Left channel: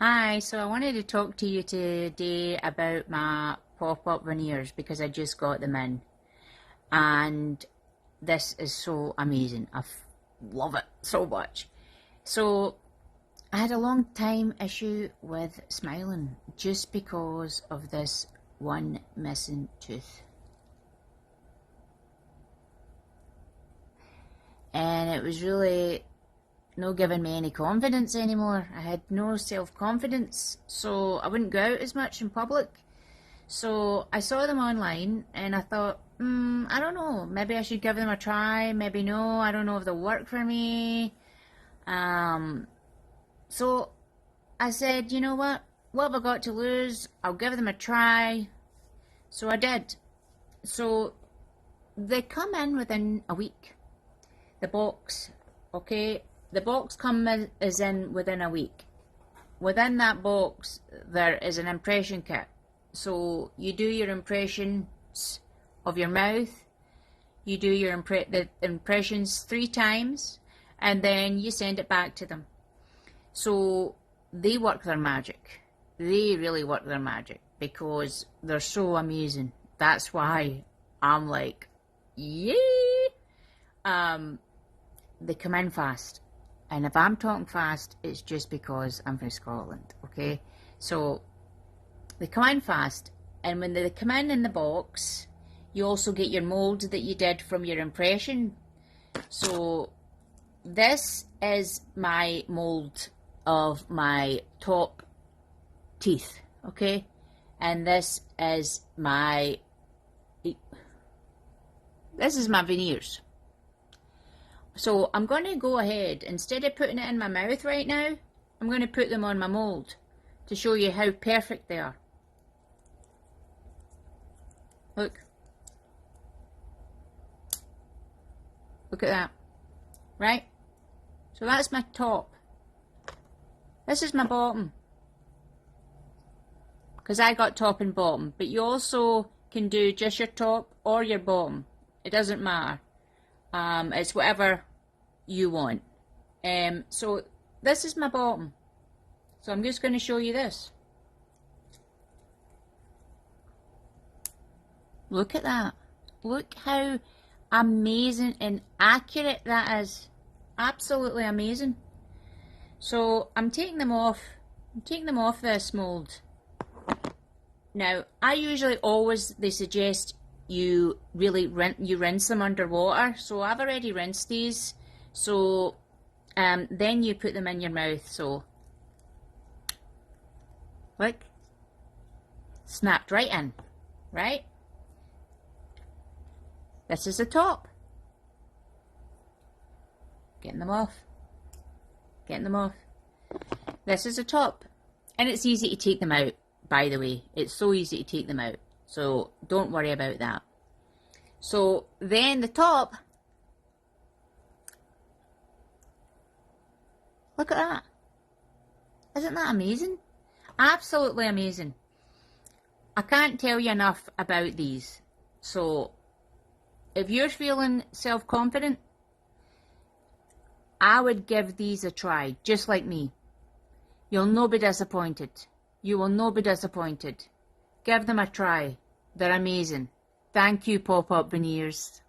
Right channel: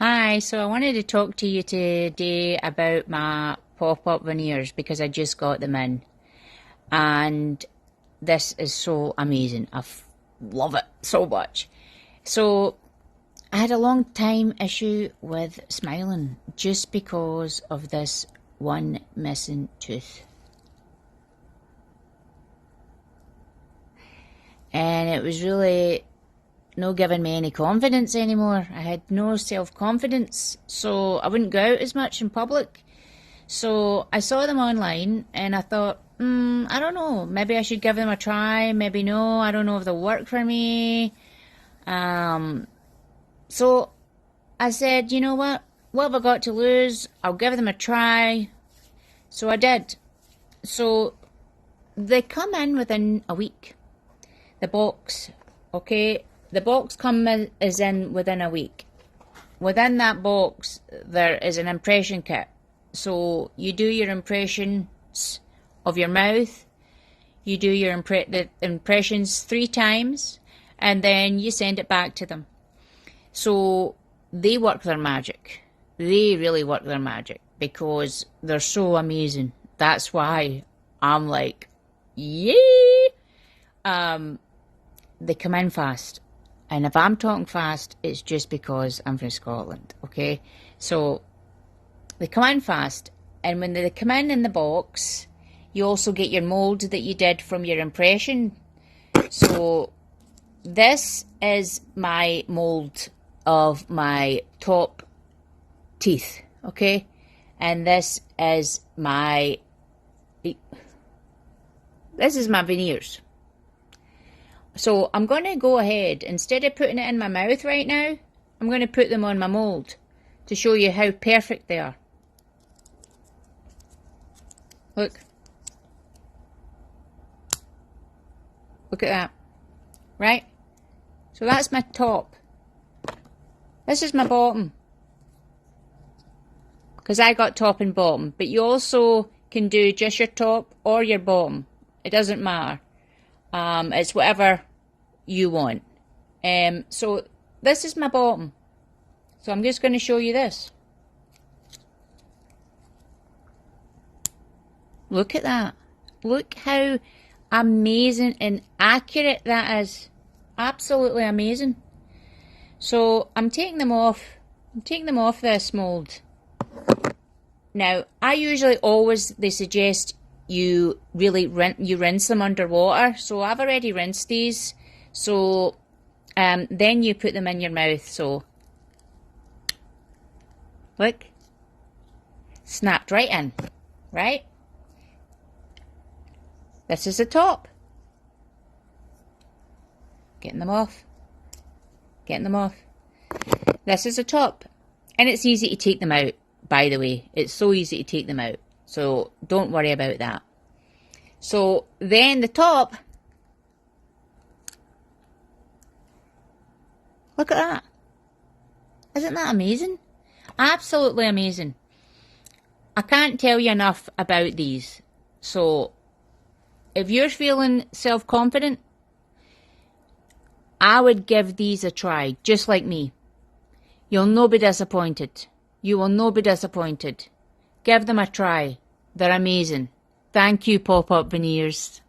Hi, so I wanted to talk to you today about my pop-up veneers because I just got them in and this is so amazing. Love it so much. So I had a long time issue with smiling just because of this one missing tooth. And it was really no giving me any confidence anymore. I had no self-confidence, so I wouldn't go out as much in public. So I saw them online and I thought, I don't know, maybe I should give them a try, maybe no, I don't know if they'll work for me. So I said, you know what have I got to lose? I'll give them a try. So I did. So they come in within a week. The box, okay? The box is in within a week. Within that box, there is an impression kit. So you do your impressions of your mouth. You do your the impressions 3 times, and then you send it back to them. So they work their magic. They really work their magic because they're so amazing. That's why I'm like, yay! They come in fast. And if I'm talking fast, it's just because I'm from Scotland, okay? So they come in fast, and when they come in the box, you also get your mould that you did from your impression. So this is my mould of my top teeth, okay? And this is my veneers. So I'm going to go ahead, instead of putting it in my mouth right now, I'm going to put them on my mould to show you how perfect they are. Look. Look at that. Right? So that's my top. This is my bottom. Because I got top and bottom. But you also can do just your top or your bottom. It doesn't matter. It's whatever you want. So this is my bottom. So I'm just going to show you this. Look at that. Look how amazing and accurate that is. Absolutely amazing. So I'm taking them off. I'm taking them off this mould. Now, I usually they suggest you really rinse them underwater. So I've already rinsed these. So then you put them in your mouth. So look, snapped right in, right? This is the top. Getting them off. Getting them off. This is the top. And it's easy to take them out, by the way. It's so easy to take them out. So don't worry about that. So then the top. Look at that. Isn't that amazing? Absolutely amazing. I can't tell you enough about these. So if you're feeling self-confident, I would give these a try, just like me. You'll not be disappointed. You will not be disappointed. Give them a try. They're amazing. Thank you, Pop-Up Veneers.